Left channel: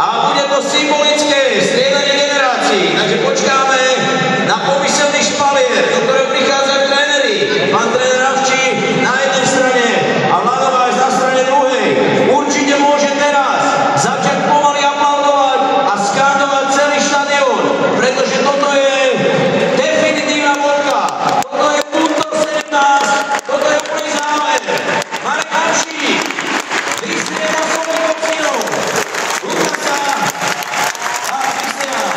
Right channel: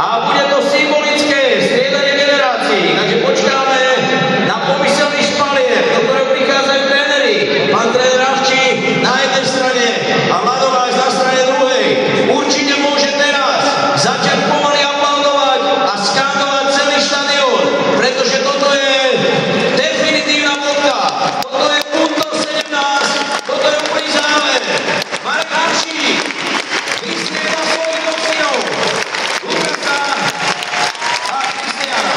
a bude to symbolické striedanie generácií. Takže počkáme na pomyselný špalier, do ktorého prichádzajú tréneri. Pán tréner Avčí na jednej strane a Vladováš na strane druhej. Určite môže teraz začať pomaly aplaudovať a skandovať celý štadión, pretože toto je definitívna bodka. Toto je punto 17, toto je úplný záver. Marek Hamšík vystrieda svojich synov, Lukasa a Kristiana.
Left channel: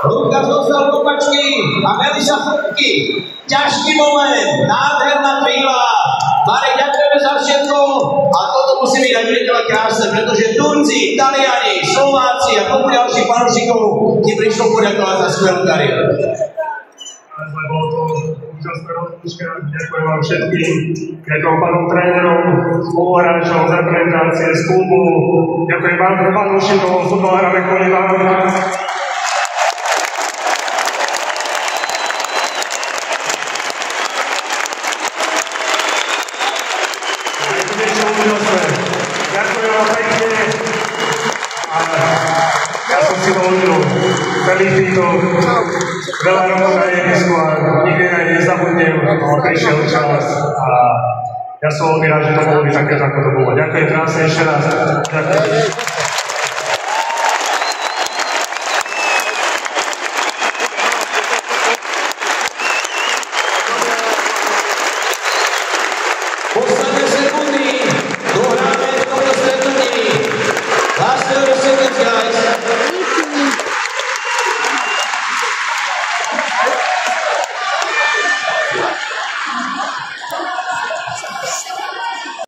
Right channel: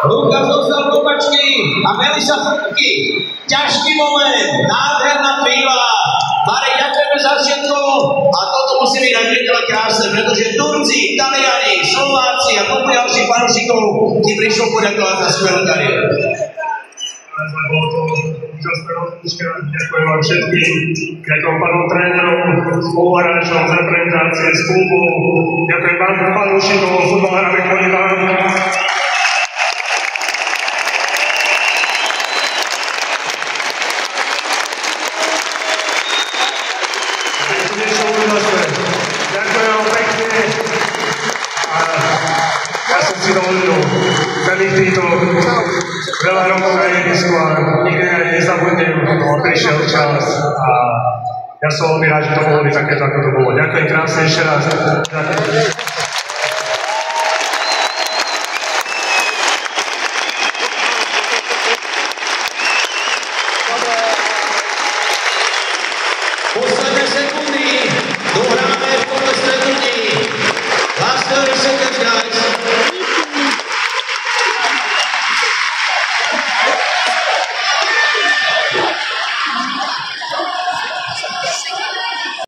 Lukas dostal kopačky a Melisa fotky. Ťažký moment, nádherná chvíľa. Marek, ďakujeme za všetko a toto musí byť aj veľa krásne, pretože Turci, Taliani, Slováci a kopu ďalších fanúšikov ti prišlo poďakovať za skvelú kariéru. Bolo to úžasné rozlička. Ďakujem vám všetkým, ďakujem pánom trénerom, spoluhráčom z reprezentácie, z klubu. Ďakujem vám, fanúšikom, futbalára Vekonina. Ďakujem vám pekne a ja som si dovolil celý týto veľa rokov na jedisku a nikdy aj nezabudnem, prišiel čas a ja som veľmi rád, že to bolo byť také, ako to bolo. Ďakujem krásne ešte raz. Ďakujem.